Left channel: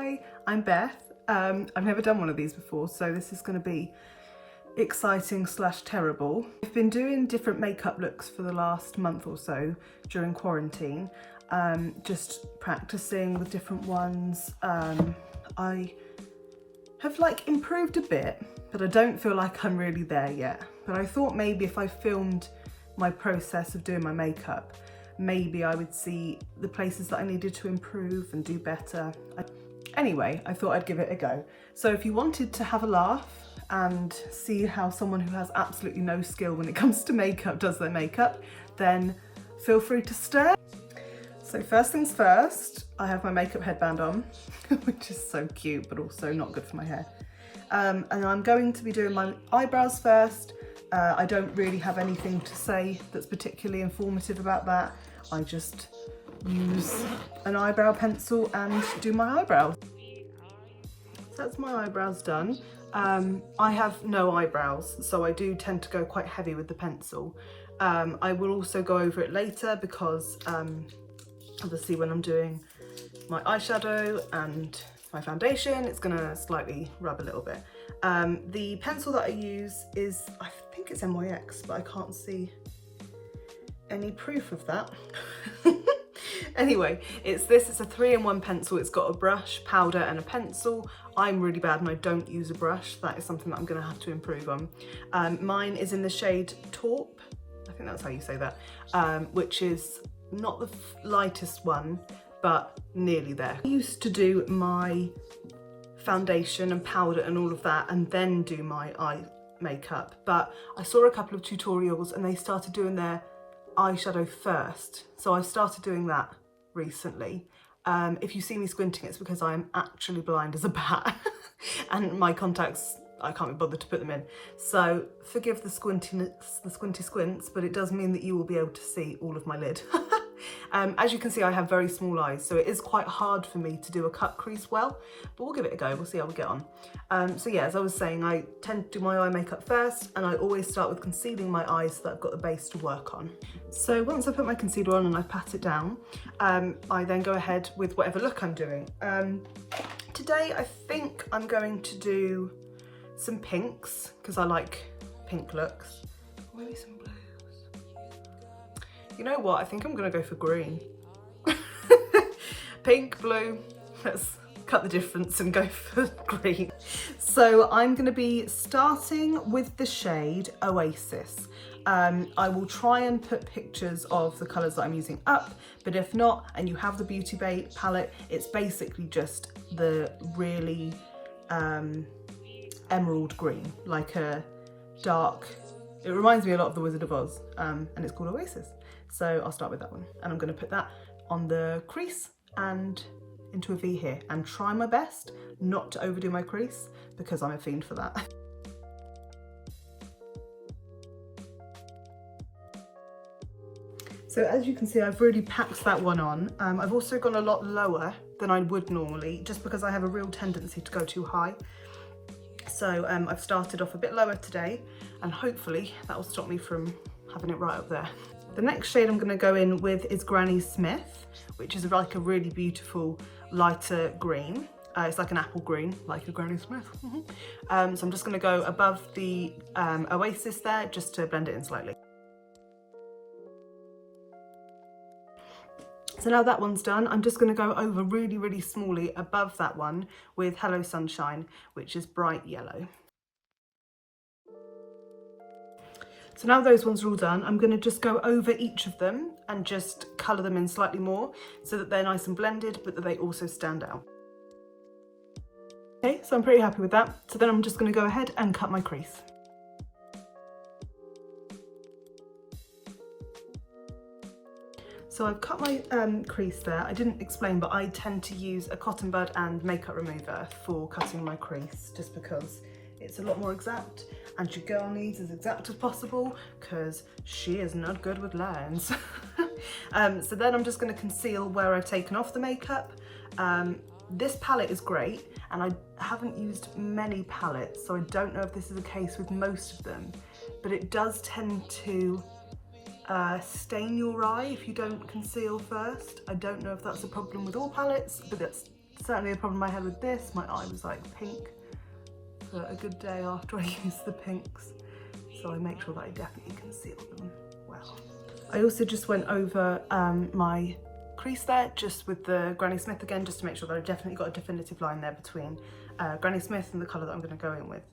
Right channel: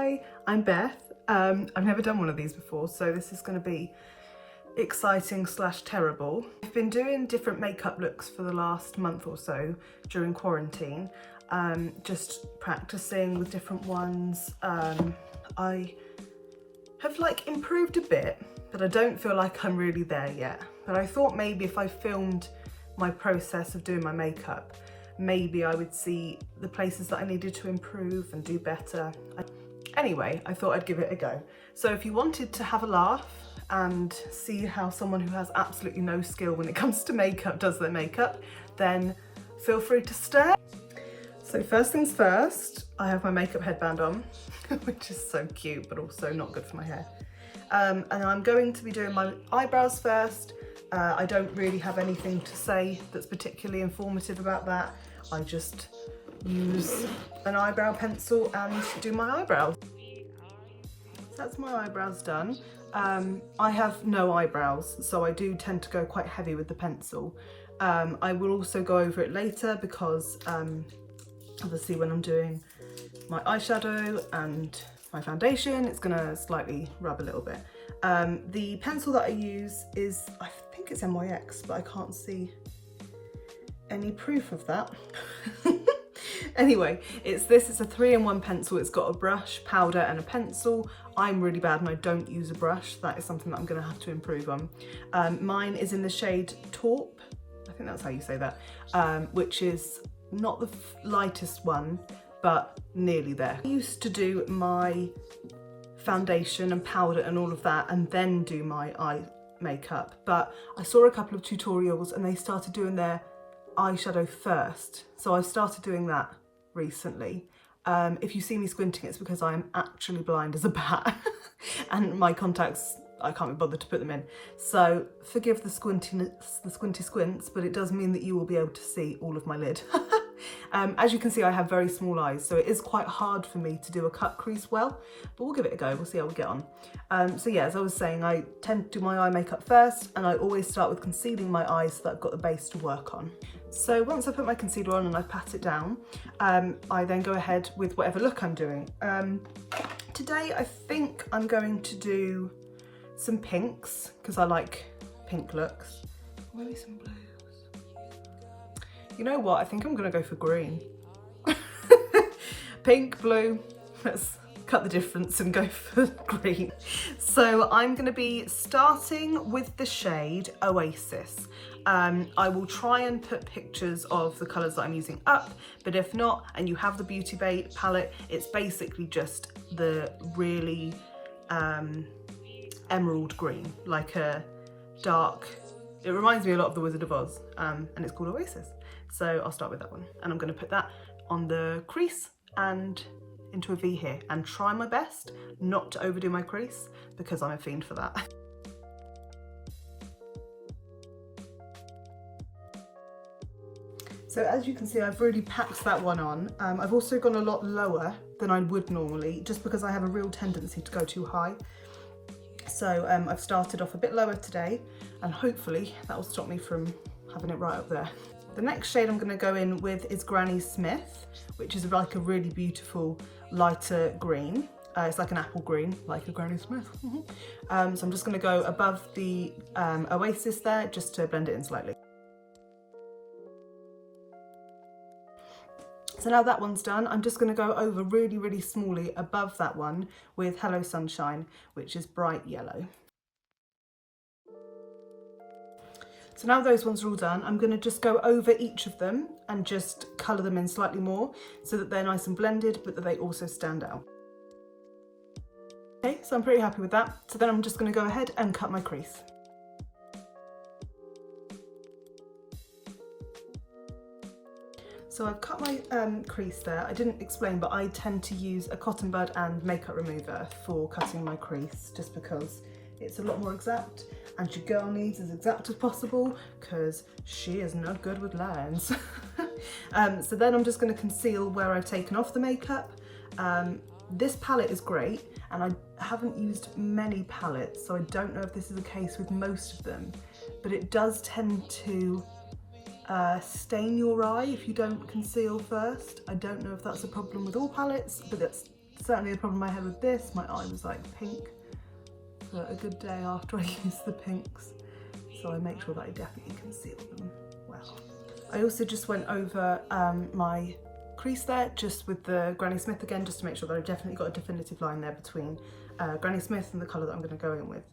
Hi, I'm Beth. I've never done one of these before, so this is going to be exciting / terrible. I've been doing different makeup looks for the last month or so during quarantine, just practicing with different ones. I have improved a bit, but I don't feel like I'm really there yet. But I thought maybe if I filmed my process of doing my makeup, maybe I would see the places that I needed to improve and do better. Anyway, I thought I'd give it a go. So if you wanted to have a laugh and see how someone who has absolutely no skill when it comes to makeup does their makeup, then feel free to stay. So first things first, I have my makeup headband on, which is so cute, but also not good for my hair. And I'm going to be doing my eyebrows first. I don't really have anything to say that's particularly informative about that. I just use an eyebrow pencil and do my eyebrows. So that's my eyebrows done. I have no eyebrows, so I do tend to go quite heavy with the pencil. I will also go over it later because obviously when I'm doing my eyeshadow and my foundation, it's gonna slightly rub a little bit. The pencil that I use is, I think it's NYX, but I can't see any proof of that. Anyway, it's a 3-in-1 pencil. It's got a brush, powder and a pencil. I'm really bad and I don't use a brush. That is something that I'm gonna have to improve on. Mine is in the shade Taupe, I think that's how you say that, which is not the lightest one, but nearly there. I used to do my foundation and powder and all of that and then do my eye makeup, but I saw a couple of tutorials and they started doing their eyeshadow first, so I started doing that recently. If you see me squinting, it's because I am actually blind as a bat and my contacts, I can't be bothered to put them in, so forgive the squinty squints, but it does mean that you will be able to see all of my lid. As you can see, I have very small eyes, so it is quite hard for me to do a cut crease well, but we'll give it a go. We'll see how we get on. So yeah, as I was saying, I tend to do my eye makeup first, and I always start with concealing my eyes so that I've got the base to work on. So once I put my concealer on and I pat it down, I then go ahead with whatever look I'm doing. Today I think I'm going to do some pinks because I like pink looks. Maybe some blues. You know what? I think I'm gonna go for green. Pink, blue. Let's cut the difference and go for green. So I'm gonna be starting with the shade Oasis. I will try and put pictures of the colours that I'm using up, but if not, and you have the Beauty Bay palette, it's basically just the really emerald green, like a dark, it reminds me a lot of the Wizard of Oz, and it's called Oasis. So I'll start with that one, and I'm going to put that on the crease and into a V here, and try my best not to overdo my crease because I'm a fiend for that. So as you can see, I've really packed that one on. I've also gone a lot lower than I would normally, just because I have a real tendency to go too high. So I've started off a bit lower today, and hopefully that will stop me from having it right up there. The next shade I'm going to go in with is Granny Smith, which is like a really beautiful lighter green. It's like an apple green, like a Granny Smith. So I'm just going to go above the Oasis there, just to blend it in slightly. So now that one's done, I'm just going to go over really, really smallly above that one with Hello Sunshine, which is bright yellow. So now those ones are all done, I'm going to just go over each of them and just colour them in slightly more so that they're nice and blended, but that they also stand out. Okay, so I'm pretty happy with that. So then I'm just going to go ahead and cut my crease. So I've cut my crease there. I didn't explain, but I tend to use a cotton bud and makeup remover for cutting my crease, just because it's a lot more exact, and your girl needs as exact as possible because she is not good with lines. So then I'm just going to conceal where I've taken off the makeup. This palette is great, and I haven't used many palettes, so I don't know if this is the case with most of them, but it does tend to stain your eye if you don't conceal first. I don't know if that's a problem with all palettes, but that's certainly a problem I had with this. My eye was like pink for a good day after I used the pinks. So I make sure that I definitely conceal them well. I also just went over my crease there, just with the Granny Smith again, just to make sure that I've definitely got a definitive line there between Granny Smith and the colour that I'm going to go in with.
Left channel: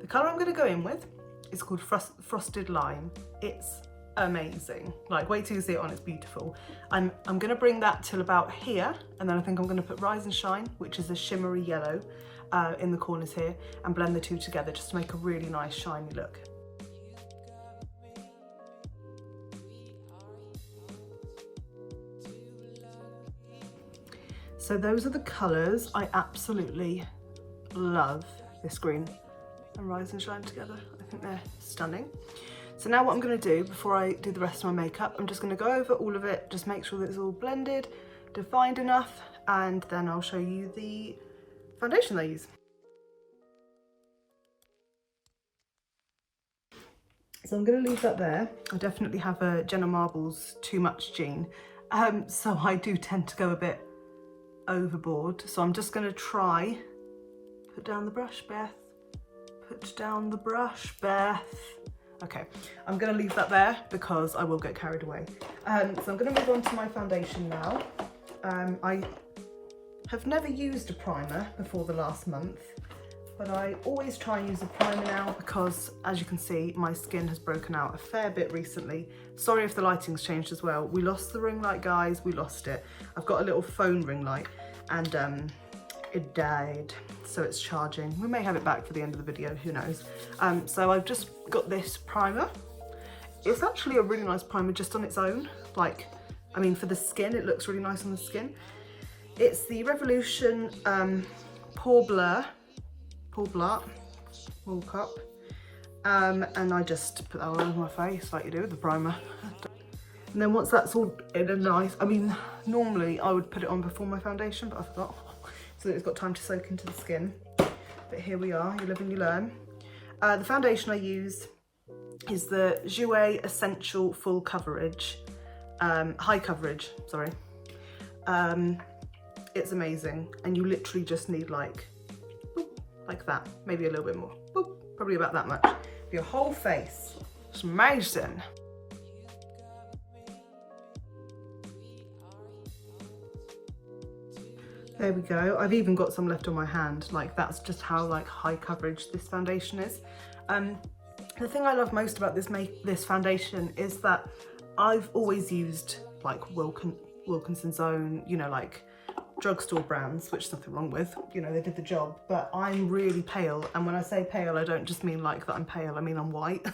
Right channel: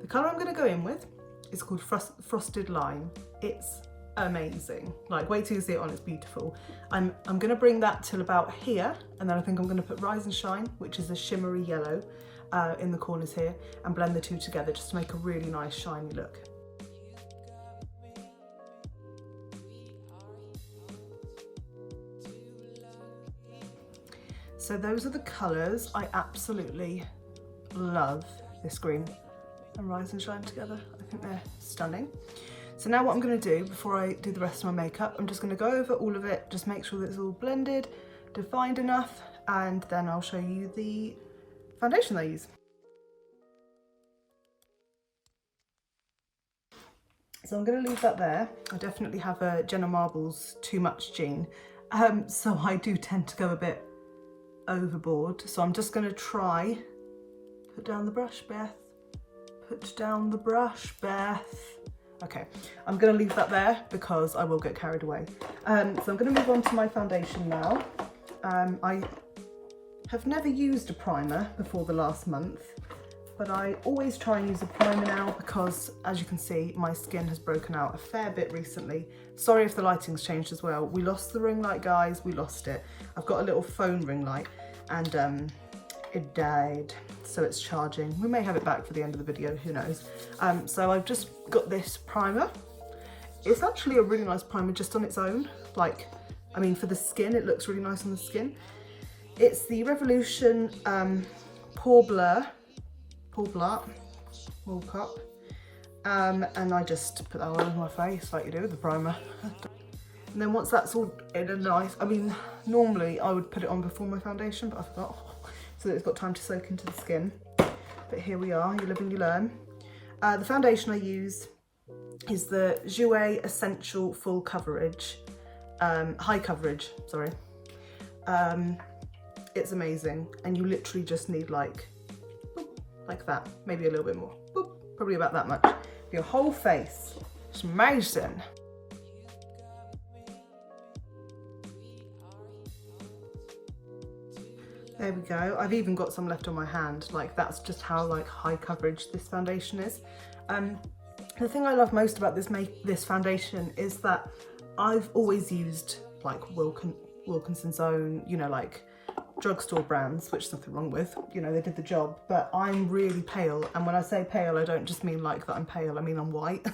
The colour I'm going to go in with is called Frosted Lime. It's amazing. Like, wait till you see it on, it's beautiful. I'm going to bring that till about here, and then I think I'm going to put Rise and Shine, which is a shimmery yellow, in the corners here, and blend the two together just to make a really nice shiny look. So those are the colours. I absolutely love this green and Rise and Shine together. I think they're stunning. So now what I'm going to do before I do the rest of my makeup, I'm just going to go over all of it, just make sure that it's all blended, defined enough, and then I'll show you the foundation I use. So I'm going to leave that there. I definitely have a Jenna Marbles too much gene, so I do tend to go a bit overboard. So I'm just going to try, put down the brush, Beth. Put down the brush, Beth. Okay, I'm going to leave that there because I will get carried away. So I'm going to move on to my foundation now. I have never used a primer before the last month, but I always try and use a primer now because, as you can see, my skin has broken out a fair bit recently. Sorry if the lighting's changed as well. We lost the ring light, guys, we lost it. I've got a little phone ring light and it died, so it's charging. We may have it back for the end of the video, who knows. So I've just got this primer. It's actually a really nice primer just on its own. Like, I mean, for the skin, it looks really nice on the skin. It's the Revolution Pore Blur, Wool Cup. And I just put that all over my face like you do with the primer. And then once that's all in a nice, I mean, normally I would put it on before my foundation, but I forgot. So that it's got time to soak into the skin. But here we are, you live and you learn. The foundation I use is the Jourer Essential Full Coverage, High Coverage, sorry. It's amazing, and you literally just need like that, maybe a little bit more, boop, probably about that much, for your whole face. It's amazing. There we go. I've even got some left on my hand. Like, that's just how like high coverage this foundation is. The thing I love most about this foundation is that I've always used like Wilkinson's Own, you know, like drugstore brands, which there's nothing wrong with, you know, they did the job, but I'm really pale. And when I say pale, I don't just mean like that I'm pale, I mean I'm white.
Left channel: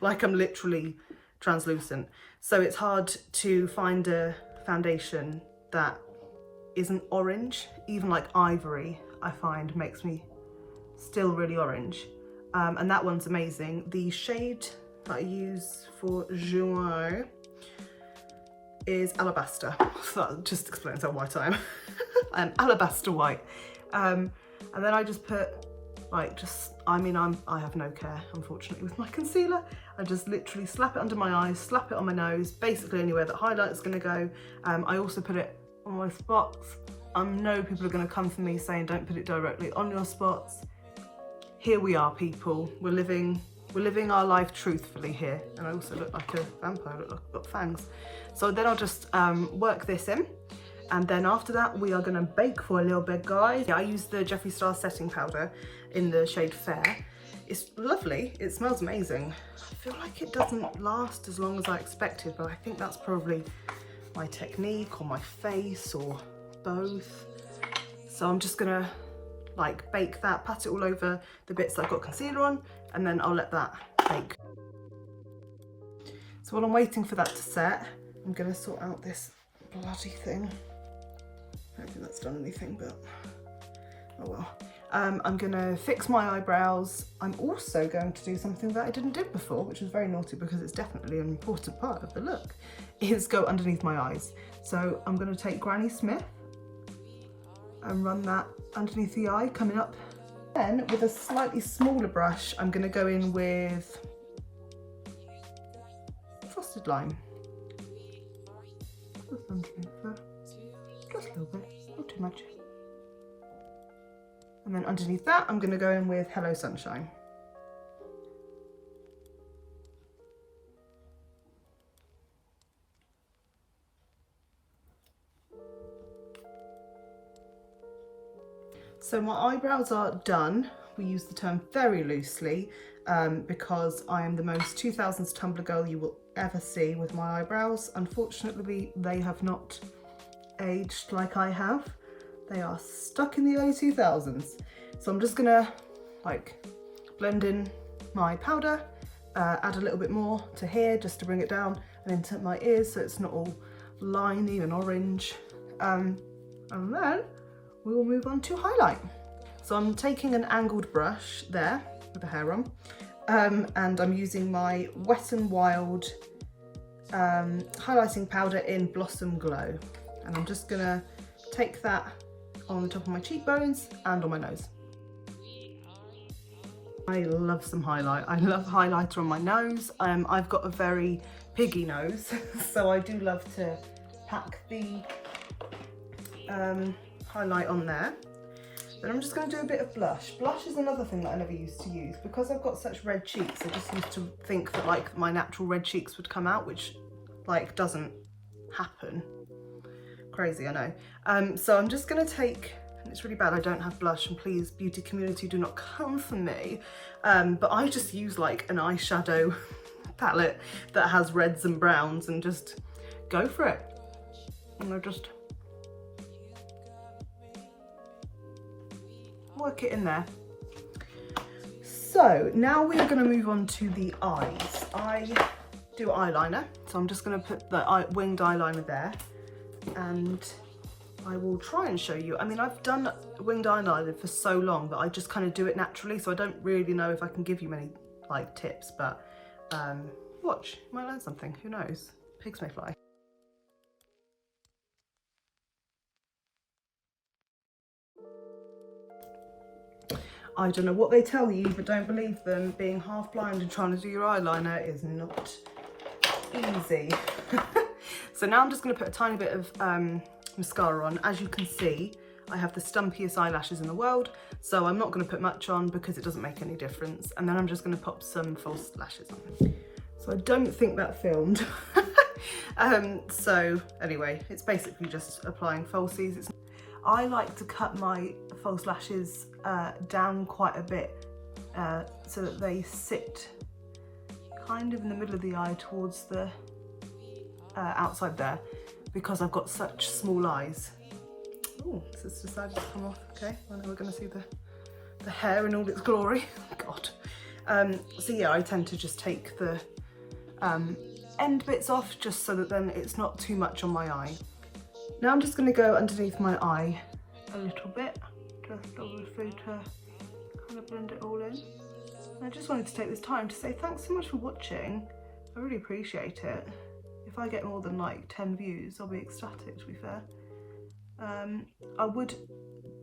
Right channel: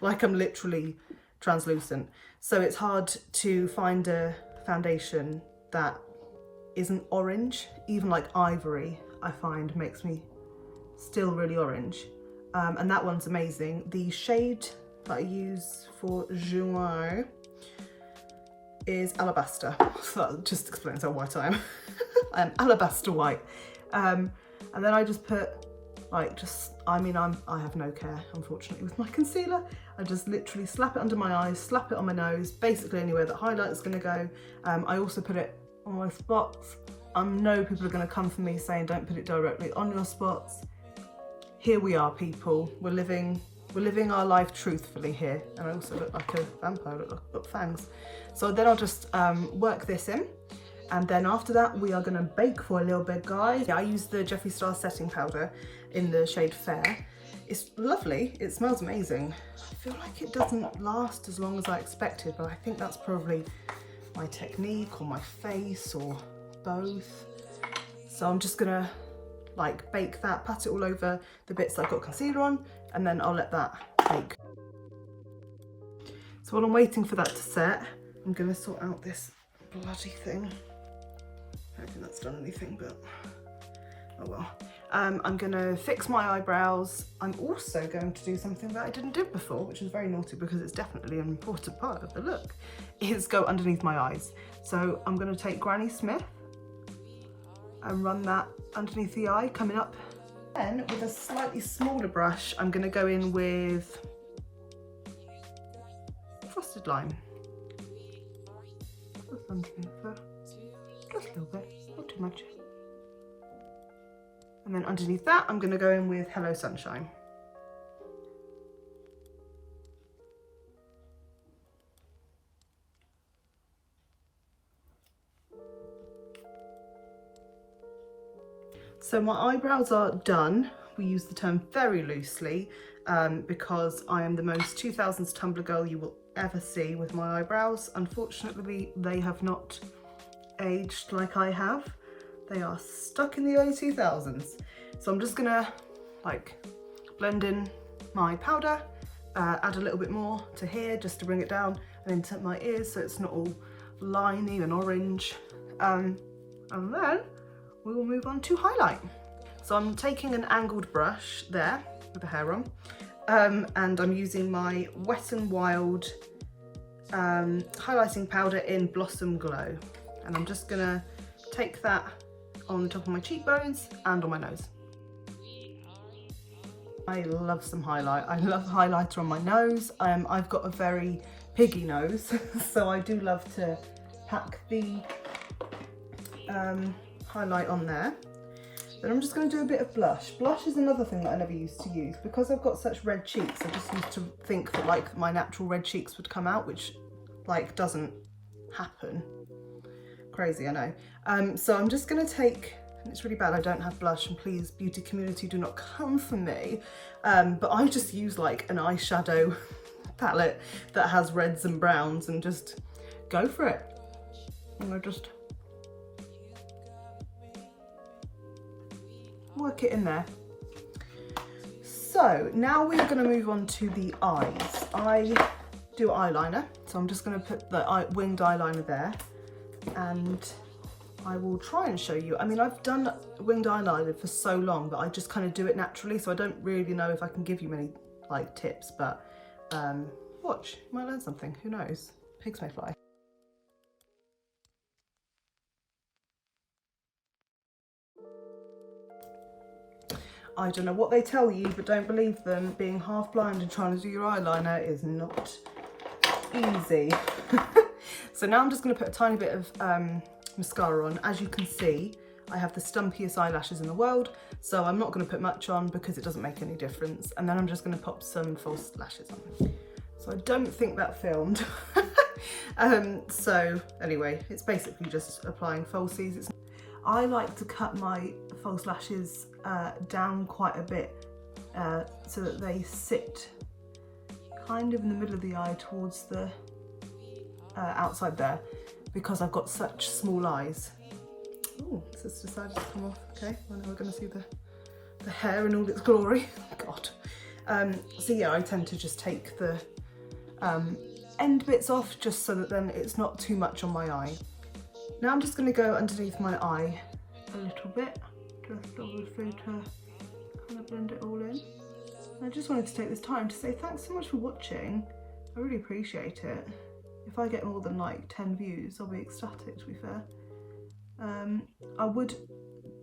Like, I'm literally translucent. So it's hard to find a foundation that isn't orange. Even like Ivory, I find, makes me still really orange. And that one's amazing. The shade that I use for Jourer is Alabaster. So that just explains how white I am. I'm Alabaster white. And then I just put like, I have no care, unfortunately, with my concealer. I just literally slap it under my eyes, slap it on my nose, basically anywhere that highlight is gonna go. I also put it on my spots. I know people are gonna come for me saying don't put it directly on your spots. Here we are, people. We're living our life truthfully here. And I also look like a vampire, I've got fangs. So then I'll just work this in. And then after that, we are gonna bake for a little bit, guys. Yeah, I use the Jeffree Star setting powder in the shade Fair. It's lovely, it smells amazing. I feel like it doesn't last as long as I expected, but I think that's probably my technique or my face or both. So I'm just gonna like bake that, pat it all over the bits that I've got concealer on, and then I'll let that bake. So while I'm waiting for that to set, I'm gonna sort out this bloody thing. I don't think that's done anything, but oh well. I'm gonna fix my eyebrows. I'm also going to do something that I didn't do before, which is very naughty because it's definitely an important part of the look, is go underneath my eyes. So I'm gonna take Granny Smith and run that underneath the eye, coming up. Then with a slightly smaller brush, I'm gonna go in with Frosted Lime. Just underneath there, just a little bit, not too much. And then underneath that, I'm going to go in with Hello Sunshine. So my eyebrows are done. We use the term very loosely because I am the most 2000s Tumblr girl you will ever see with my eyebrows. Unfortunately, they have not aged like I have. They are stuck in the early 2000s. So I'm just gonna like blend in my powder, add a little bit more to here just to bring it down and into my ears so it's not all liney and orange. And then we will move on to highlight. So I'm taking an angled brush there with the hair on, and I'm using my Wet n Wild highlighting powder in Blossom Glow. And I'm just gonna take that on the top of my cheekbones and on my nose. I love some highlight. I love highlighter on my nose. I've got a very piggy nose, so I do love to pack the highlight on there. Then I'm just going to do a bit of blush. Blush is another thing that I never used to use. Because I've got such red cheeks, I just used to think that like my natural red cheeks would come out, which like doesn't happen. Crazy, I know. So I'm just going to take, and it's really bad I don't have blush, and please beauty community do not come for me, but I just use like an eyeshadow palette that has reds and browns and just go for it. And I just work it in there. So now we're going to move on to the eyes. I do eyeliner, so I'm just going to put the winged eyeliner there, and I will try and show you. I mean, I've done winged eyeliner for so long that I just kind of do it naturally, so I don't really know if I can give you many like tips, but watch, you might learn something, who knows, pigs may fly. I don't know what they tell you, but don't believe them. Being half blind and trying to do your eyeliner is not easy. So now I'm just going to put a tiny bit of mascara on. As you can see, I have the stumpiest eyelashes in the world, so I'm not going to put much on because it doesn't make any difference. And then I'm just going to pop some false lashes on. So I don't think that filmed. So anyway, it's basically just applying falsies. I like to cut my false lashes down quite a bit so that they sit kind of in the middle of the eye towards the outside there, because I've got such small eyes. Oh, this has decided to come off. Okay, well now we're going to see the hair in all its glory. God. So yeah, I tend to just take the end bits off just so that then it's not too much on my eye. Now I'm just going to go underneath my eye a little bit, just obviously to kind of blend it all in. And I just wanted to take this time to say thanks so much for watching. I really appreciate it. If I get more than like 10 views, I'll be ecstatic, to be fair. I would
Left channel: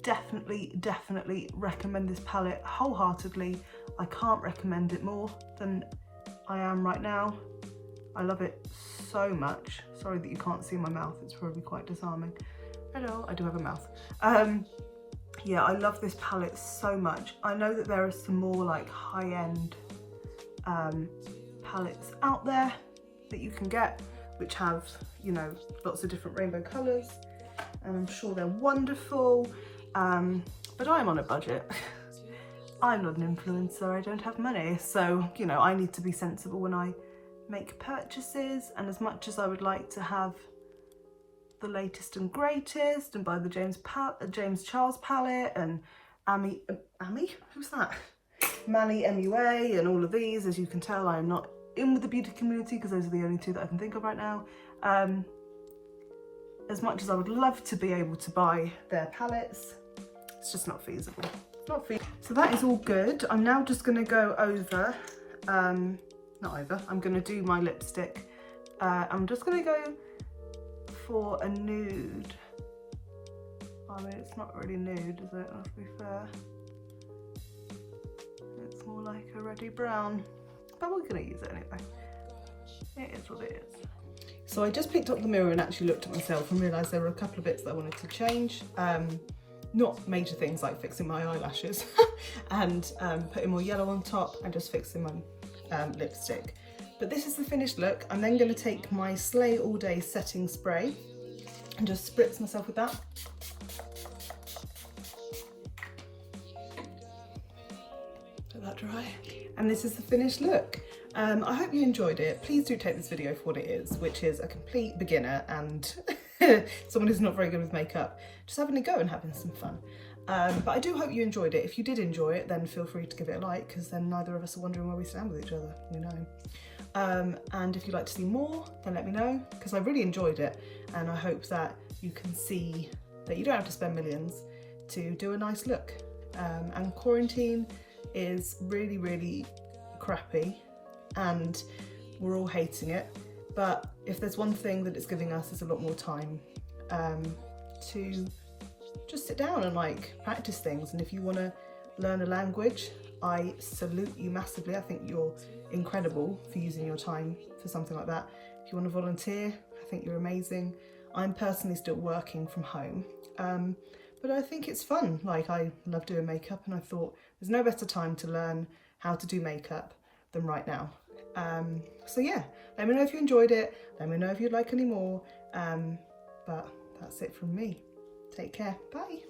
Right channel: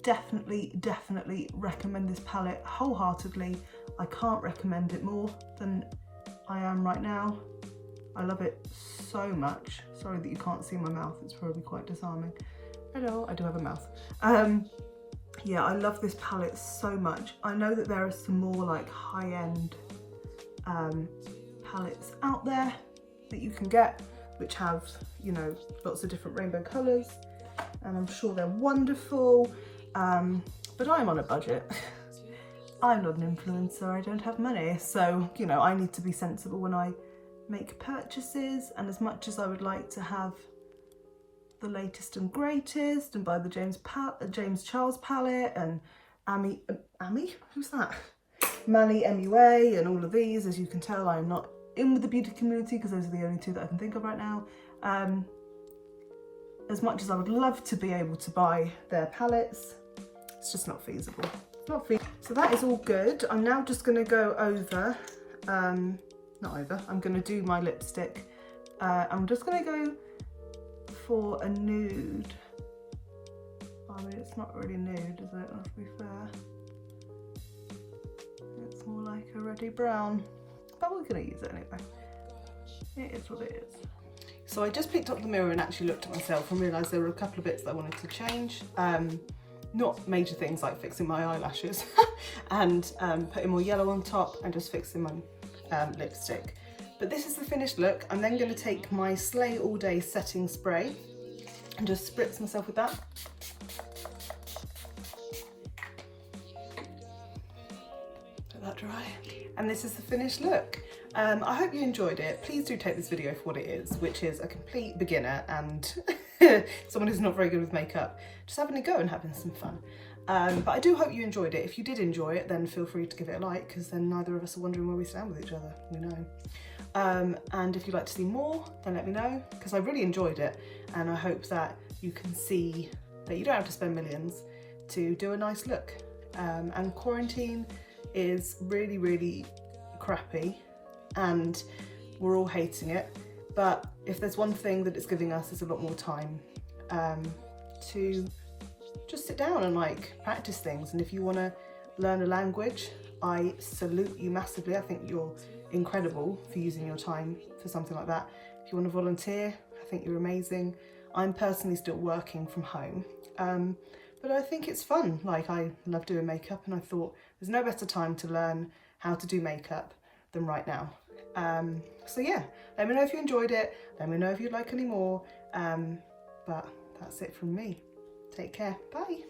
definitely recommend this palette wholeheartedly. I can't recommend it more than I am right now. I love it so much. Sorry that you can't see my mouth, it's probably quite disarming. Hello, I do have a mouth. Yeah, I love this palette so much. I know that there are some more like high-end palettes out there that you can get, which have, you know, lots of different rainbow colours, and I'm sure they're wonderful, but I'm on a budget. I'm not an influencer, I don't have money, so, you know, I need to be sensible when I make purchases. And as much as I would like to have the latest and greatest and buy the James Charles palette and Amy, who's that? Maaaaybe MUA and all of these, as you can tell, I am not in with the beauty community because those are the only two that I can think of right now. As much as I would love to be able to buy their palettes, it's just not feasible. Not feasible. So that is all good. I'm now just going to go over, I'm going to do my lipstick. I'm just going to go for a nude. I mean, it's not really nude, is it? Let's be fair. It's more like a reddy brown, but we're going to use it anyway. It is what it is. So I just picked up the mirror and actually looked at myself and realised there were a couple of bits that I wanted to change. not major things like fixing my eyelashes and putting more yellow on top and just fixing my lipstick. But this is the finished look. I'm then going to take my Slay All Day setting spray and just spritz myself with that. Let that dry. And this is the finished look. I hope you enjoyed it. Please do take this video for what it is, which is a complete beginner and someone who's not very good with makeup, just having a go and having some fun. But I do hope you enjoyed it. If you did enjoy it, then feel free to give it a like, because then neither of us are wondering where we stand with each other, we know. And if you'd like to see more, then let me know, because I really enjoyed it, and I hope that you can see that you don't have to spend millions to do a nice look. And quarantine is really, really crappy, and we're all hating it. But if there's one thing that it's giving us is a lot more time to just sit down and like practice things. And if you want to learn a language, I salute you massively. I think you're incredible for using your time for something like that. If you want to volunteer, I think you're amazing. I'm personally still working from home, but I think it's fun. Like, I love doing makeup, and I thought there's no better time to learn how to do makeup than right now. So yeah, let me know if you enjoyed it. Let me know if you'd like any more. But that's it from me. Take care. Bye.